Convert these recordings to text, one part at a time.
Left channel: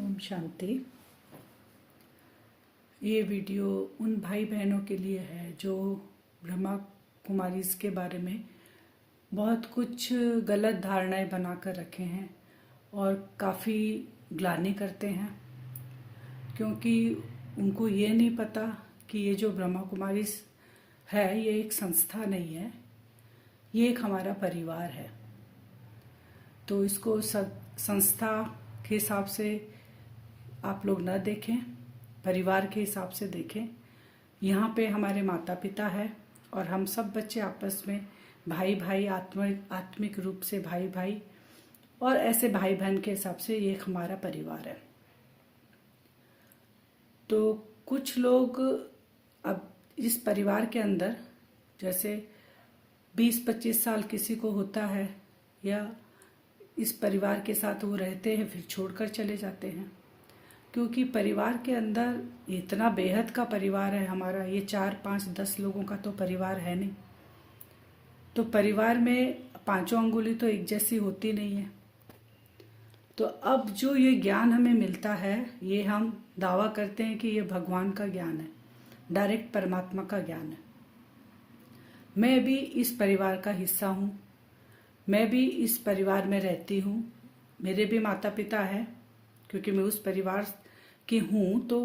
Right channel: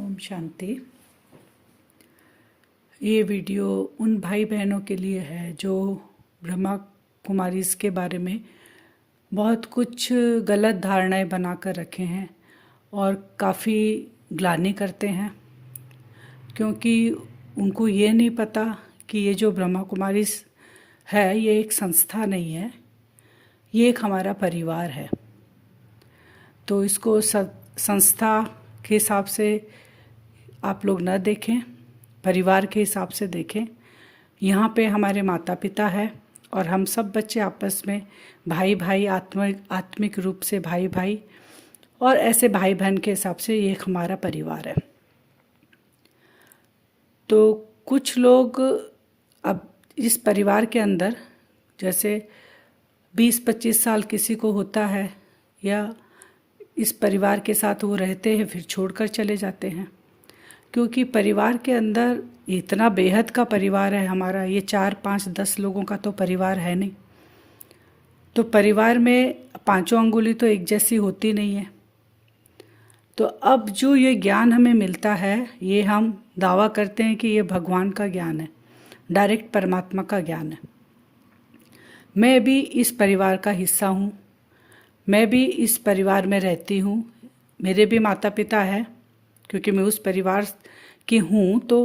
ओम शांति। ये वीडियो उन भाई बहनों के लिए है जो ब्रह्मा कुमारीज़ के बारे में बहुत कुछ गलत धारणाएं बनाकर रखे हैं और काफ़ी ग्लानि करते हैं, क्योंकि उनको ये नहीं पता कि ये जो ब्रह्मा कुमारीज़ है ये एक संस्था नहीं है, ये एक हमारा परिवार है। तो इसको संस्था के हिसाब से आप लोग न देखें, परिवार के हिसाब से देखें। यहाँ पे हमारे माता पिता है और हम सब बच्चे आपस में भाई भाई आत्मिक रूप से भाई भाई और ऐसे भाई बहन के हिसाब से ये एक हमारा परिवार है। तो कुछ लोग अब इस परिवार के अंदर जैसे 20-25 साल किसी को होता है या इस परिवार के साथ वो रहते हैं, फिर छोड़कर चले जाते हैं, क्योंकि परिवार के अंदर इतना बेहद का परिवार है हमारा। ये 4-5-10 लोगों का तो परिवार है नहीं। तो परिवार में पांचों अंगुली तो एक जैसी होती नहीं है। तो अब जो ये ज्ञान हमें मिलता है, ये हम दावा करते हैं कि ये भगवान का ज्ञान है, डायरेक्ट परमात्मा का ज्ञान है। मैं भी इस परिवार का हिस्सा हूँ, मैं भी इस परिवार में रहती हूँ, मेरे भी माता पिता है। क्योंकि मैं उस परिवार की हूँ तो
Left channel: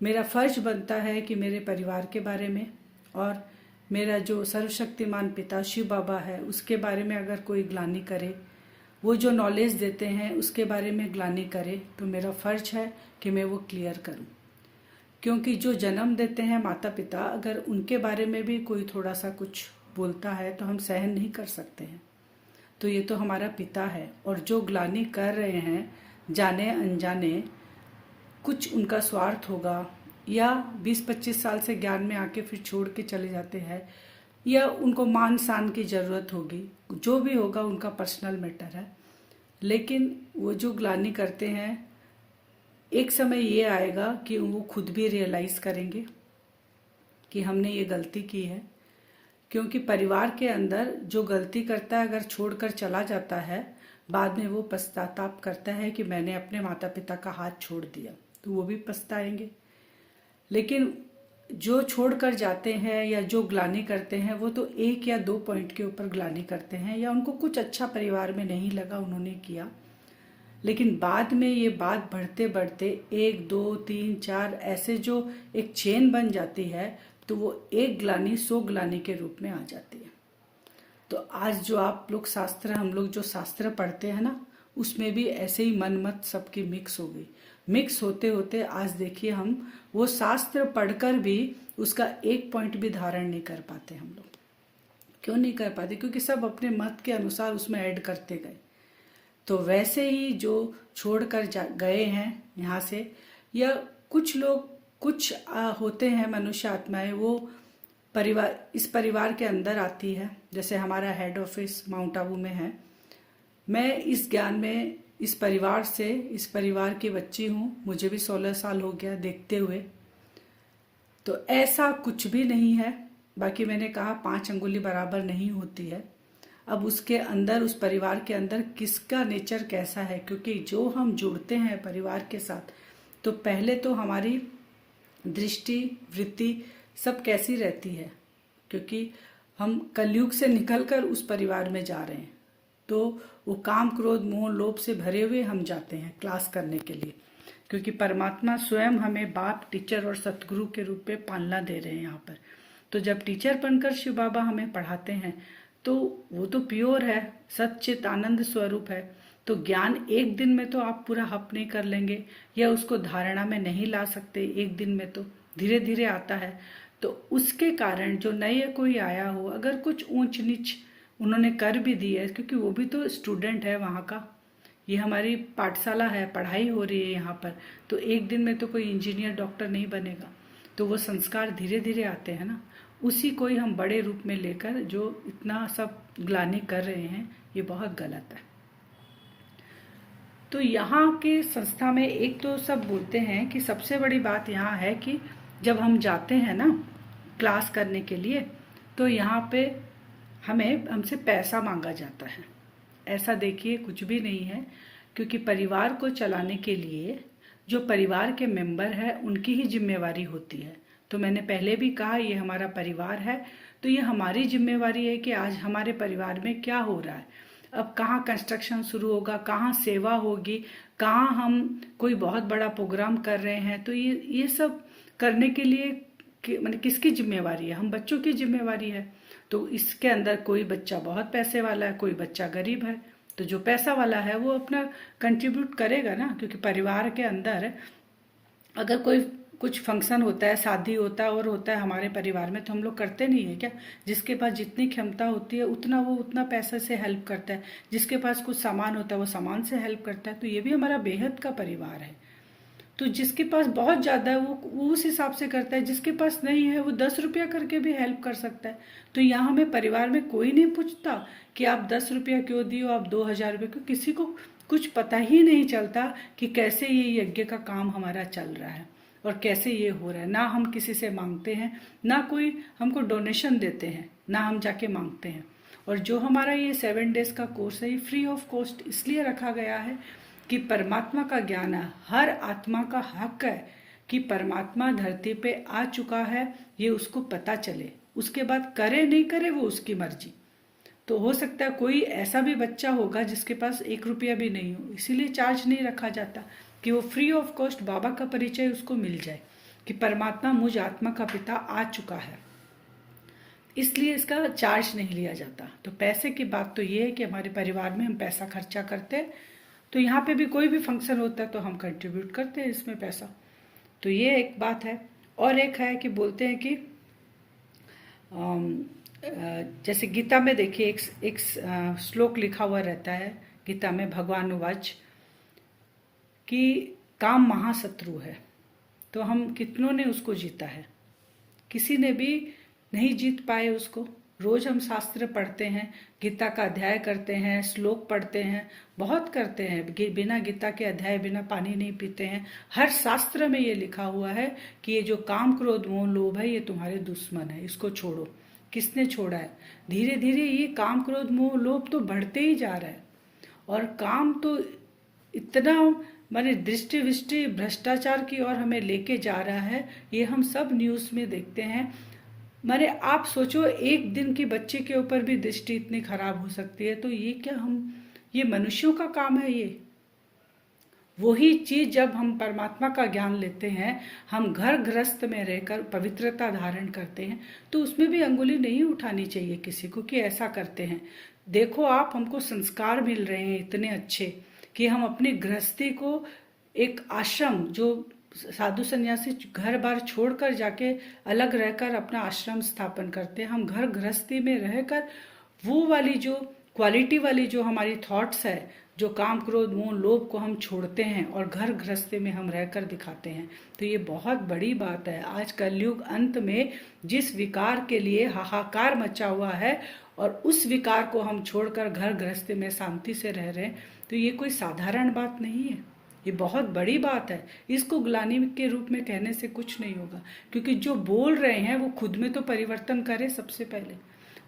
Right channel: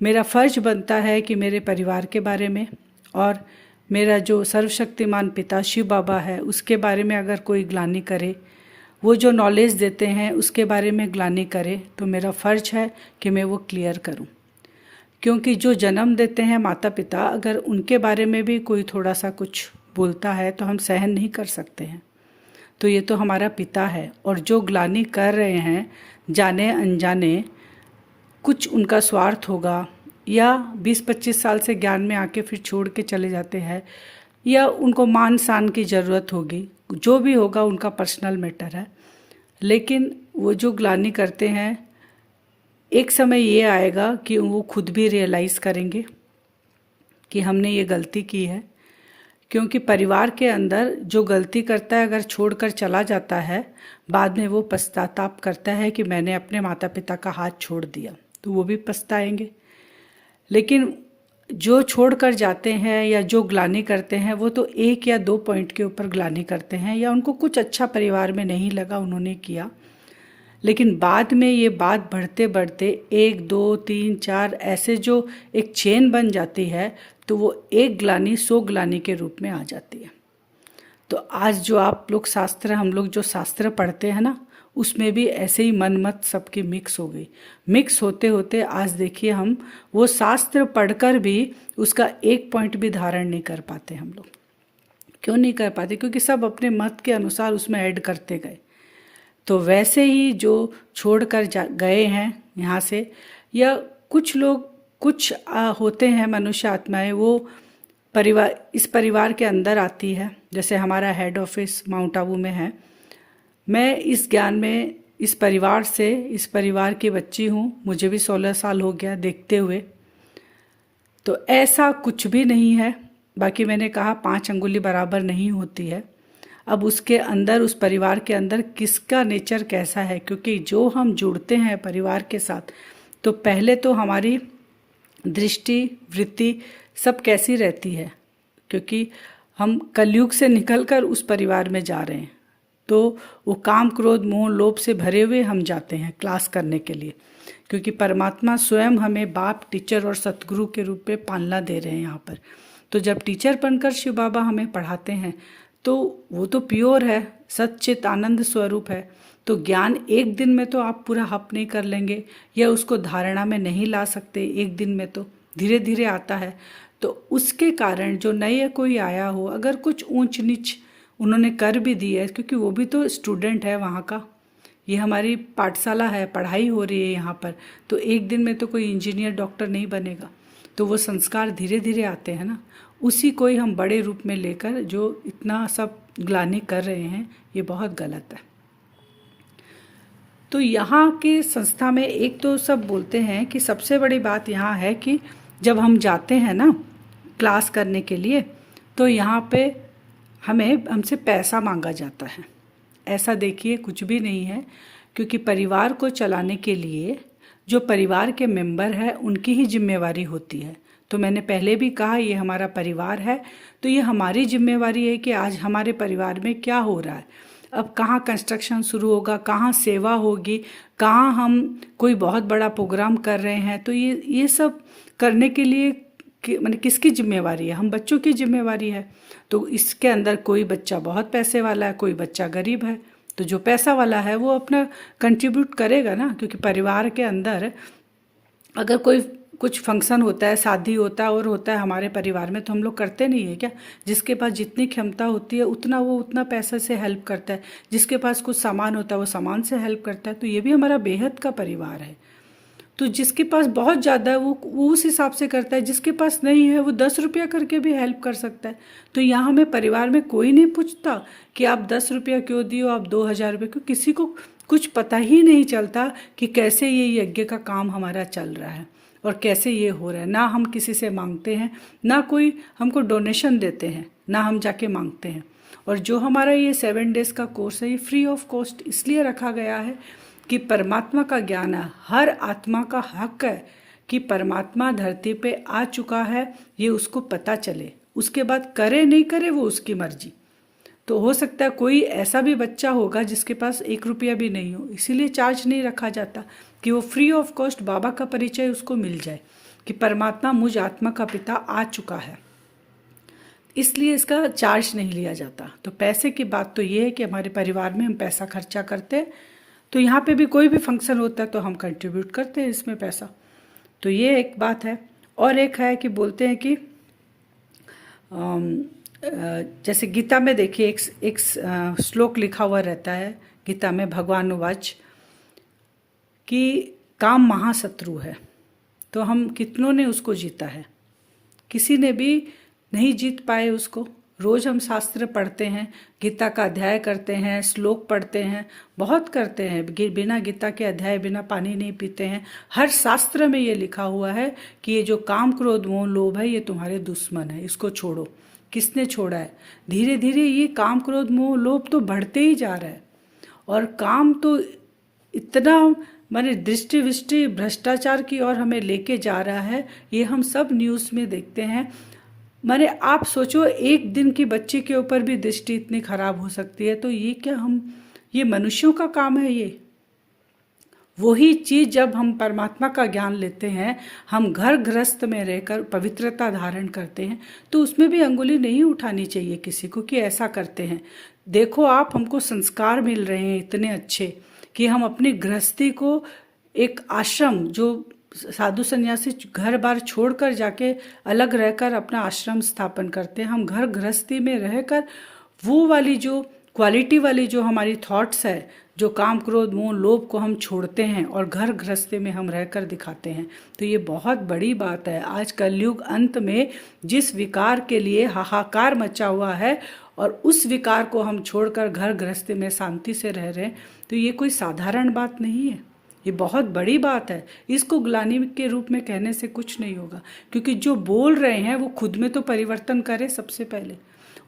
मेरा फ़र्ज बनता है कि मेरे परिवार के बारे में और मेरा जो सर्वशक्तिमान पिता शिव बाबा है उसके बारे में अगर कोई ग्लानि करे, वो जो नॉलेज देते हैं उसके बारे में ग्लानि करे, तो मेरा फ़र्ज है कि मैं वो क्लियर करूँ। क्योंकि जो जन्म देते हैं माता पिता, अगर उनके बारे में भी कोई थोड़ा सा कुछ बोलता है तो हम सहन नहीं कर सकते हैं। तो ये तो हमारा पिता है, और जो ग्लानि कर रहे हैं जाने अनजाने, कुछ उनका स्वार्थ होगा या 20-25 साल से ज्ञान में आके फिर छोड़ के चले जाते हैं, या उनको मान सान की ज़रूरत होगी, जो भी होगा उनका पर्सनल मैटर है। लेकिन वो जो ग्लानि करते हैं, एक समय ये आएगा कि वो खुद भी रियलाइज़ करेंगे कि हमने ये गलती की है। क्योंकि परिवार के अंदर जो गलती करता है, अगर छोड़कर चला जाता है, बाद में वो पश्चाताप करता है कि मैंने अपने माता पिता का हाथ छोड़ दिया, तो वो भी पछताएंगे। लेकिन जो छोड़कर जाते हैं या जो ग्लानि करते हैं, वो तो 1 या 2 पॉइंट के ऊपर ग्लानि करते हैं, या उनको कुछ अच्छा परिवार में नहीं लगा, उन्होंने किया। लेकिन बाद में ये बात बढ़ते बढ़ते 1, 2, 3, 4 ऐसे जो एक चेन बन जाती है, तो वो एक ग्लानि 100 ग्लानि के रूप में आ जाती है। तो आज जो आप लोग हम लोग जो शास्त्र पढ़ते हैं ना, उसमें भी ऐसे ही मन मत सबकी मिक्स हो गई। मिक्स होते होते आज देखिए हम वो शास्त्र पढ़कर भी उसका एक पॉइंट भी धारण नहीं कर पाते हम लोग। क्यों नहीं कर पाते? क्योंकि सब अपने मत के अनुसार उसमें ऐड करते गए। तो वैसे ही जो छोड़कर गए हैं यहाँ से, या कुछ लोग होते हैं मनुष्य आत्माएं, वो इस परिवार के अंदर आती है। जैसे हमारा हेड ऑफिस माउंट आबू में है। मैं इस ज्ञान में इस परिवार की बच्ची हूँ, मुझे भी 16 साल हो गया देखते हुए। तो ऐसा कुछ भी नहीं है। बाकी मैंने कहा 5 अंगुली बराबर नहीं होती है। अब उसके अंदर, उस परिवार के अंदर किसका नेचर कैसा है, क्योंकि जो हम जुड़ते हैं परिवार के साथ, तो पहले तो हमारी दृष्टि वृत्ति सब कैसी रहती है, क्योंकि हम कलयुग से निकलकर उस परिवार में जा रहे हैं। तो वो काम क्रोध मोह लोभ से भरे हुए हम जाते हैं क्लास करने के लिए, क्योंकि परमात्मा स्वयं हमें बाप, टीचर और सतगुरु के रूप में पालना दे रहे हैं यहाँ पर। तो जब टीचर बनकर शिव बाबा हमें पढ़ाते हैं, तो वो तो प्योर है, सच्चित आनंद स्वरूप है। तो ज्ञान एक दिन में तो आप पूरा हप नहीं कर लेंगे, या उसको धारणा में नहीं ला सकते एक दिन में, तो धीरे धीरे आता है। तो उसके कारण जो नया कोई आया हो, अगर कुछ ऊंच नीच उन्होंने कर भी दी है, क्योंकि वो भी तो स्टूडेंट है वहाँ का, ये हमारी पाठशाला है, पढ़ाई हो रही है यहाँ पर, तो एक दिन में तो कोई इंजीनियर डॉक्टर नहीं बनेगा। तो वो संस्कार धीरे धीरे आते हैं ना, उसी को ही हम बड़े रूप में लेकर जो इतना सब ग्लानि कर रहे हैं, ये बहुत गलत है। तो यहाँ के संस्था में एक तो सब बोलते हैं कि सबसे बड़ी बात यहाँ है कि जब हम जाते हैं ना क्लास करने के लिए, तो यहाँ पे हमसे पैसा मांगा जाता है। ऐसा देखिए कुछ भी नहीं है, क्योंकि परिवार को चलाने के लिए जो परिवार के मेंबर हैं उनकी ही जिम्मेवारी होती है। तो मैंने पहले भी कहा ये हमारा परिवार है, तो ये हमारी जिम्मेवारी है कि आज हमारे परिवार में क्या हो रहा है, अब कहाँ कंस्ट्रक्शन शुरू होगा, कहाँ सेवा होगी, कहाँ हम कोई बहुत बड़ा प्रोग्राम कर रहे हैं। तो ये सब करने के लिए माने किसकी जिम्मेवारी है? हम बच्चों की जिम्मेवारी है। तो इसके अंदर कोई बच्चा बहुत पैसे वाला है, कोई बच्चा गरीब है। तो जो पैसा वाला है वो अपना कंट्रीब्यूट करेगा ना, क्योंकि परिवार के अंदर अगर कोई कुछ फंक्शन होता है, शादी होता है और होता है हमारे परिवार में, तो हम लोग करते नहीं है क्या? जिसके पास जितनी क्षमता होती है उतना वो उतना पैसे से हेल्प करता है, जिसके पास कुछ सामान होता है वो सामान से हेल्प करता है। तो ये भी हमारा बेहद का परिवार है। तो जिसके पास बहुत ज़्यादा है वो उस हिसाब से करता है, जिसके पास नहीं है वो 10 रुपया करके भी हेल्प कर सकता है। तो यहाँ हमें परिवार में कोई नहीं पूछता कि आप 10 रुपया क्यों दियो, आप 2000 रुपये क्यों। किसी को कुछ पता ही नहीं चलता कि कैसे ये यज्ञ का काम हमारा चल रहा है और कैसे ये हो रहा है। ना हम किसी से मांगते हैं, ना कोई हमको डोनेशन देते हैं, ना हम जाके मांगते हैं। और जो हमारा ये 7 डेज का कोर्स है ये फ्री ऑफ कॉस्ट इसलिए रखा गया है कि परमात्मा का ज्ञान है, हर आत्मा का हक है कि परमात्मा धरती पे आ चुका है, ये उसको पता चले। उसके बाद करे नहीं करे वो उसकी मर्जी। तो हो सकता है कोई ऐसा भी बच्चा होगा जिसके पास 1 रुपया भी नहीं हो, इसीलिए चार्ज नहीं रखा जाता कि वो फ्री ऑफ कॉस्ट बाबा का परिचय उसको मिल जाए कि परमात्मा मुझ आत्मा का पिता आ चुका है, इसलिए इसका चार्ज नहीं लिया जाता। तो पैसे की बात तो ये है कि हमारे परिवार में हम पैसा खर्चा करते हैं, तो यहाँ पे भी कोई भी फंक्शन होता है तो हम कंट्रीब्यूट करते हैं इसमें पैसा। तो ये एक बात है। और एक है कि बोलते हैं कि जैसे गीता में देखिए एक श्लोक लिखा हुआ रहता है गीता में, भगवान वाच कि काम महाशत्रु है। तो हम कितनों ने उसको जीता है? किसी ने भी नहीं जीत पाए उसको। रोज हम शास्त्र पढ़ते हैं, गीता का अध्याय करते हैं, श्लोक पढ़ते हैं, बहुत करते हैं। बिना गीता के अध्याय बिना पानी नहीं पीते हैं। हर शास्त्र में ये लिखा हुआ है कि ये जो काम क्रोध मोह लोभ है ये तुम्हारे दुश्मन है, इसको छोड़ो। किसने छोड़ा है? धीरे धीरे ये काम क्रोध मोह लोभ तो बढ़ते ही जा रहा है। और काम तो इतना माने दृष्टि विष्टि भ्रष्टाचार की ओर हमें लेके जा रहा है, ये हम सब न्यूज़ में देखते हैं। माने आप सोचो एक दिन की बच्चे के ऊपर भी दृष्टि इतनी खराब हो सकती है। तो ये क्या ये मनुष्यों का काम है? ये वही चीज जब हम परमात्मा का ज्ञान लेते हैं, हम घर गृहस्थ में रहकर पवित्रता धारण करते हैं, तो उसमें भी अंगुली नहीं उठानी चाहिए किसी को कि ऐसा करते हैं। देखो आप, हमको संस्कार मिल रहे हैं इतने अच्छे कि हम अपनी गृहस्थी को एक आश्रम, जो साधु संन्यासी घर बार छोड़कर जाके अलग रहकर अपना आश्रम स्थापन करते हैं, हम घर गृहस्थी में रहकर वो वाली जो क्वालिटी वाली जो हमारी थॉट्स है, जो काम क्रोध मोह लोभ को हम छोड़ते हैं और घर गृहस्थी में हम रहकर दिखाते हैं। तो ये बहुत बड़ी बात है। आज कलयुग अंत में जिस विकार के लिए हाहाकार मचा हुआ है और उस विकार को हम छोड़कर घर गृहस्थी में शांति से रह रहे हैं, तो ये कोई साधारण बात नहीं है, ये बहुत बड़ी बात है। इसको ग्लानि के रूप में कहने से कुछ नहीं होगा, क्योंकि जो बोल रहे हैं वो खुद में तो परिवर्तन करें सबसे पहले,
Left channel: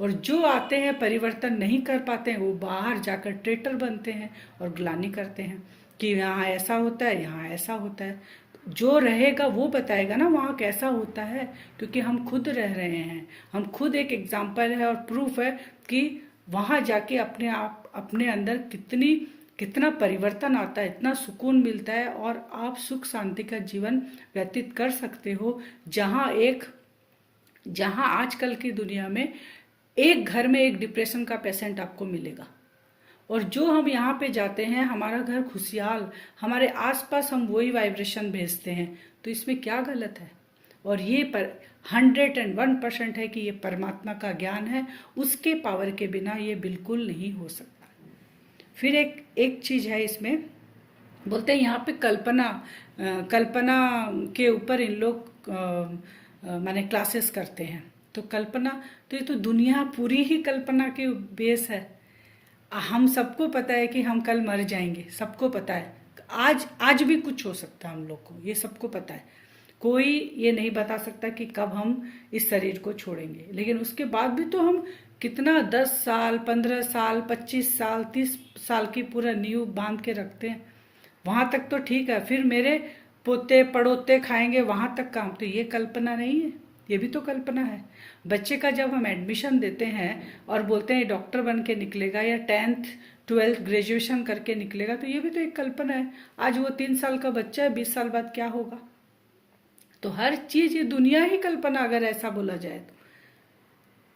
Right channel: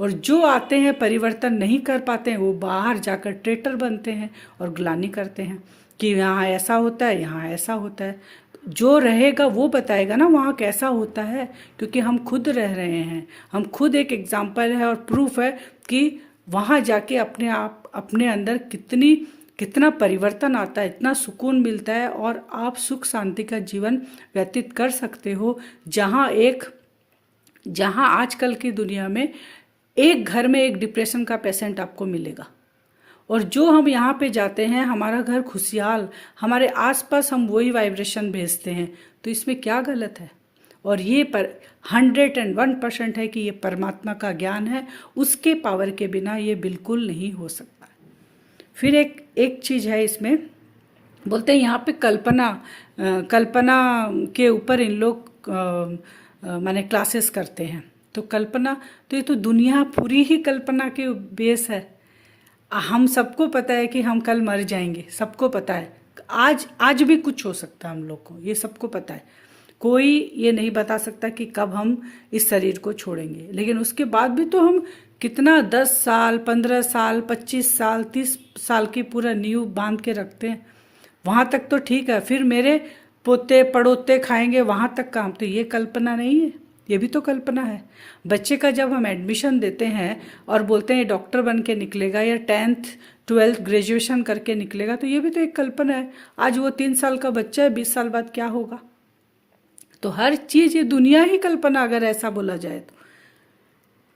और जो आते हैं परिवर्तन नहीं कर पाते हैं वो बाहर जाकर ट्रेटर बनते हैं और ग्लानि करते हैं कि यहाँ ऐसा होता है, यहाँ ऐसा होता है। जो रहेगा वो बताएगा ना वहाँ कैसा होता है, क्योंकि हम खुद रह रहे हैं, हम खुद एक एग्जाम्पल है और प्रूफ है कि वहाँ जाके अपने आप अपने अंदर कितना परिवर्तन आता है, इतना सुकून मिलता है और आप सुख शांति का जीवन व्यतीत कर सकते हो। जहाँ आजकल की दुनिया में एक घर में एक डिप्रेशन का पेशेंट आपको मिलेगा, और जो हम यहाँ पे जाते हैं हमारा घर खुशहाल, हमारे आसपास हम वही वाइब्रेशन भेजते हैं। तो इसमें क्या गलत है? और ये पर 101% है कि ये परमात्मा का ज्ञान है, उसके पावर के बिना ये बिल्कुल नहीं हो सकता। फिर एक चीज़ है इसमें, बोलते हैं यहाँ पे कल्पना के ऊपर इन लोग माने क्लासेस करते हैं। तो कल्पना, तो ये तो दुनिया पूरी ही कल्पना के बेस है। हम सबको पता है कि हम कल मर जाएंगे, सबको पता है। आज भी कुछ हो सकता है हम लोग को, ये सबको पता है। कोई ये नहीं बता सकता कि कब हम इस शरीर को छोड़ेंगे, लेकिन उसके बाद भी तो हम कितना 10 साल 15 साल 25 साल 30 साल की पूरा नींव बांध के रखते हैं। वहाँ तक तो ठीक है। फिर पोते पड़ोते खाएंगे वहाँ तक काम, तो ये कल्पना नहीं है, ये भी तो कल्पना है। बच्चे का जब हम एडमिशन देते हैं और बोलते हैं डॉक्टर बन के निकलेगा या 10th 12th ग्रेजुएशन करके निकलेगा, तो ये भी तो एक कल्पना है। आज वो 3 साल का बच्चा है, 20 साल बाद क्या होगा? तो हर चीज़, ये दुनिया ही कल्पना अगर ऐसा बोला जाए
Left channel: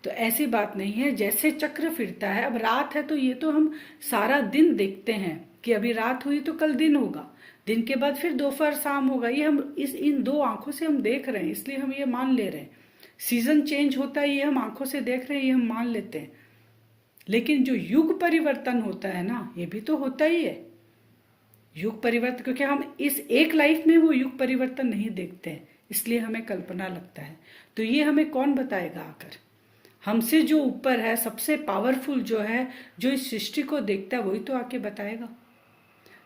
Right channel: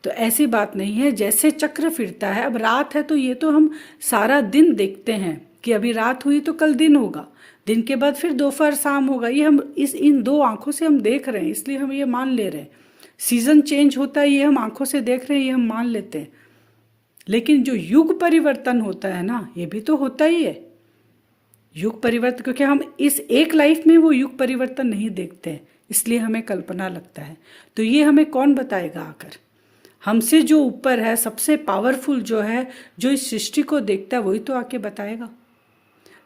तो ऐसी बात नहीं है। जैसे चक्र फिरता है, अब रात है तो ये तो हम सारा दिन देखते हैं कि अभी रात हुई तो कल दिन होगा, दिन के बाद फिर दोपहर शाम होगा, ये हम इन 2 आंखों से हम देख रहे हैं, इसलिए हम ये मान ले रहे हैं। सीजन चेंज होता है, ये हम आंखों से देख रहे हैं, ये हम मान लेते हैं। लेकिन जो युग परिवर्तन होता है ना, ये भी तो होता ही है युग परिवर्तन, क्योंकि हम इस एक लाइफ में वो युग परिवर्तन नहीं देखते हैं, इसलिए हमें कल्पना लगता है। तो ये हमें कौन बताएगा आकर? हमसे जो ऊपर है, सबसे पावरफुल जो है, जो इस सृष्टि को देखता है, वही तो आके बताएगा।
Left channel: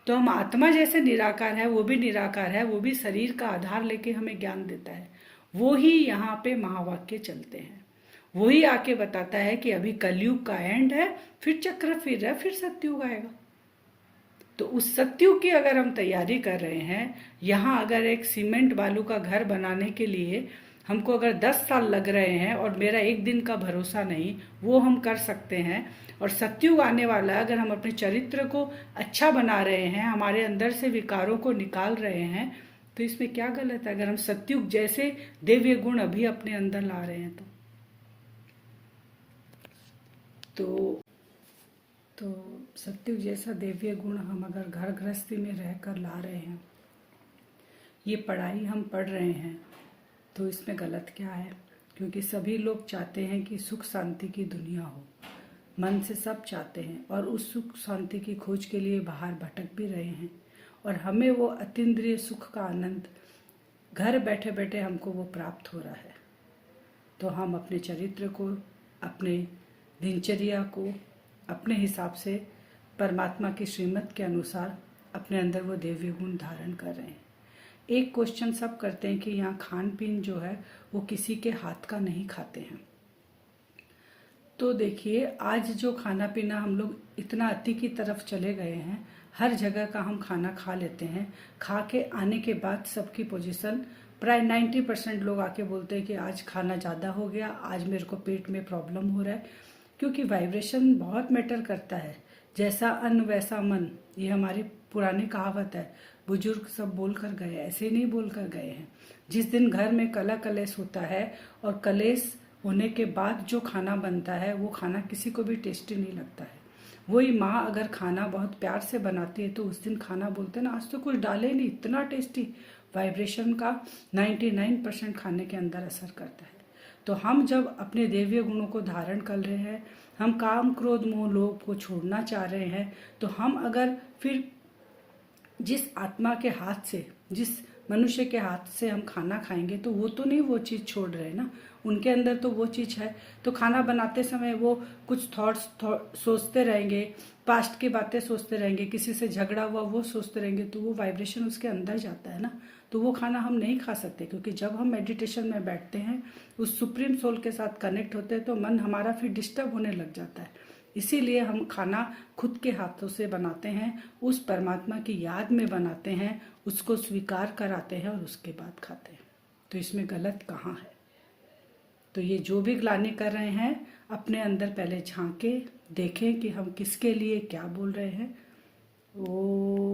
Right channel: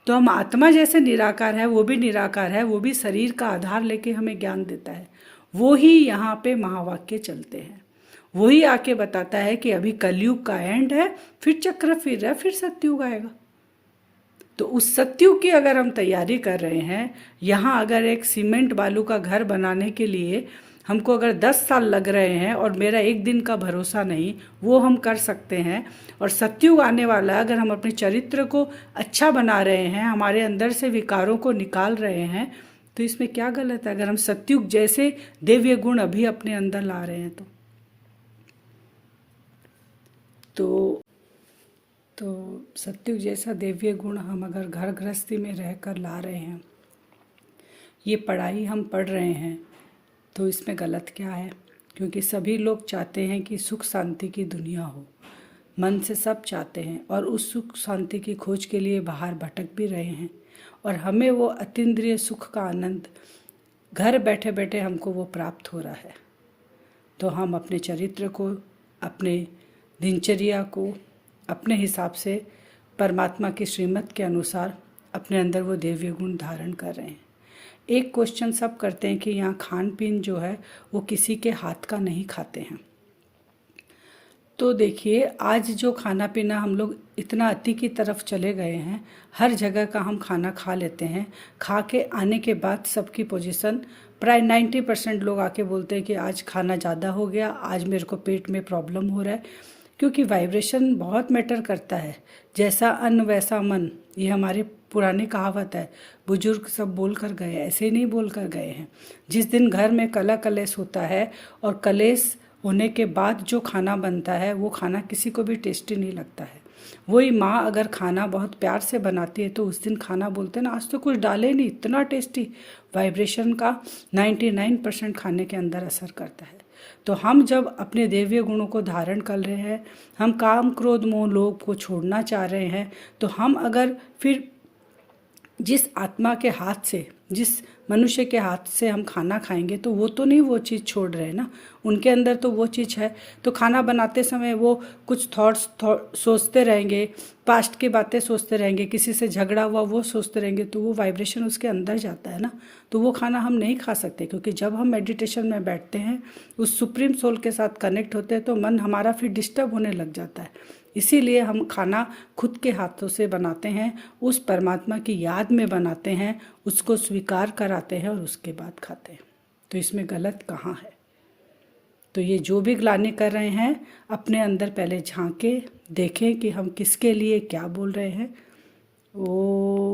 तो हम आत्मा जैसे निराकार है, वो भी निराकार है, वो भी शरीर का आधार लेके हमें ज्ञान देता है। वो ही यहाँ पे महावाक्य चलते हैं, वही आके बताता है कि अभी कलयुग का एंड है, फिर चक्र फिर रहा है, फिर सत्युग आएगा। तो उस सत्युग की अगर हम तैयारी कर रहे हैं, यहाँ अगर एक सीमेंट बालू का घर बनाने के लिए हमको अगर 10 साल लग रहे हैं और मेरा एक दिन का भरोसा नहीं, वो हम कर सकते हैं। और सत्युग आने वाला है, अगर हम अपने चरित्र को अच्छा बना रहे हैं, हमारे अंदर से विकारों को निकाल रहे हैं, तो इसमें क्या गलत है? अगर हम सत्युग जैसे दिव्य गुण अभी अपने अंदर ला रहे हैं तो सत्युग जैसा दिव्य गुण हम अगर घर गृहस्थी में रहकर ला रहे हैं, ये पढ़ाई हम पढ़ रहे हैं, तो इसमें गलत क्या है? क्योंकि सभी लोग चाहते हैं कि सुख शांति की दुनिया हो, मन से सब चाहते हैं, और उस सुख शांति की खोज के लिए बाहर भटक भी रहे हैं। और हमें वो अतीन्द्रिय सुख का आनंद घर बैठे बैठे हमको वो प्राप्त हो रहा है। तो हम अपने चरित्र को, अपने दिनचर्या को अपने हिसाब से परमात्मा की श्रीमत के अनुसार अपने अंदर वो दिव्य गुण धारण कर रहे हैं। एक क्वेश्चन सब करते हैं कि यहाँ खान पीन जो है वो किसी के हाथ का नहीं खाते हैं। तो देखिए, आज जो खाना पीना हम लोग इतना अति की तरफ चले गए हैं, हर जगह का हम खाना खा लेते हैं। खा के आने के बाद सबकी पोजीशन प्राय 90% लोग आके बोलते हैं कि आज खाना ज़्यादा हो गया, आज मेरे को पेट में प्रॉब्लम हो रहा है। क्योंकि वाइब्रेशन बहुत मैटर करता है। जैसा अन्न वैसा मन, ये हमारी पुरानी कहावत है। बुजुर्ग सब बोल कर गए, ऐसे नहीं बोल कर गए हैं। जिस दिन घर में कला कलेश होता है और कलेश होने के बाद जो खाना बनता है, वो खाना किसी को भी टेस्टी नहीं लगता है। वही माँ अगर खाना बहुत प्यार से बनाती है तो उस दिन खाना बोलते हैं ना, आज तो कुछ डाले नहीं, इतना टेस्टी। वाइब्रेशन का 99% खाने के अंदर असर करता है। तो हम जब अपने दिव्य गुणों को धारण कर रहे हैं, हम काम क्रोध मोह लोभ को छोड़ना चाह रहे हैं, तो हम अगर फिर जिस आत्मा के हाथ से, जिस मनुष्य के हाथ से हम खाना खाएंगे, तो वो तो नहीं वो चीज़ छोड़ रहे ना, उनके अंदर तो वो चीज़ है। तो खाना बनाते समय वो कुछ थॉट्स सोचते रहेंगे, पास्ट की बातें सोचते रहेंगे, किसी से झगड़ा हुआ वो सोचते रहेंगे, तो वो वाइब्रेशन उसके अंदर जाता है ना। तो वो खाना हम नहीं खा सकते, क्योंकि जब हम मेडिटेशन में बैठते हैं, उस सुप्रीम सोल के साथ कनेक्ट होते हैं, तो मन हमारा फिर डिस्टर्ब होने लग जाता है। इसीलिए हम खाना खुद के हाथों से बनाते हैं, उस परमात्मा की याद में बनाते हैं, उसको स्वीकार कराते हैं और उसके बाद खाते हैं। तो इसमें गलत कहाँ है? तो ये जो भी ग्लानि कर रहे हैं, अपने अंदर पहले झांके, देखें कि हम किसके लिए क्या बोल रहे हैं। ओ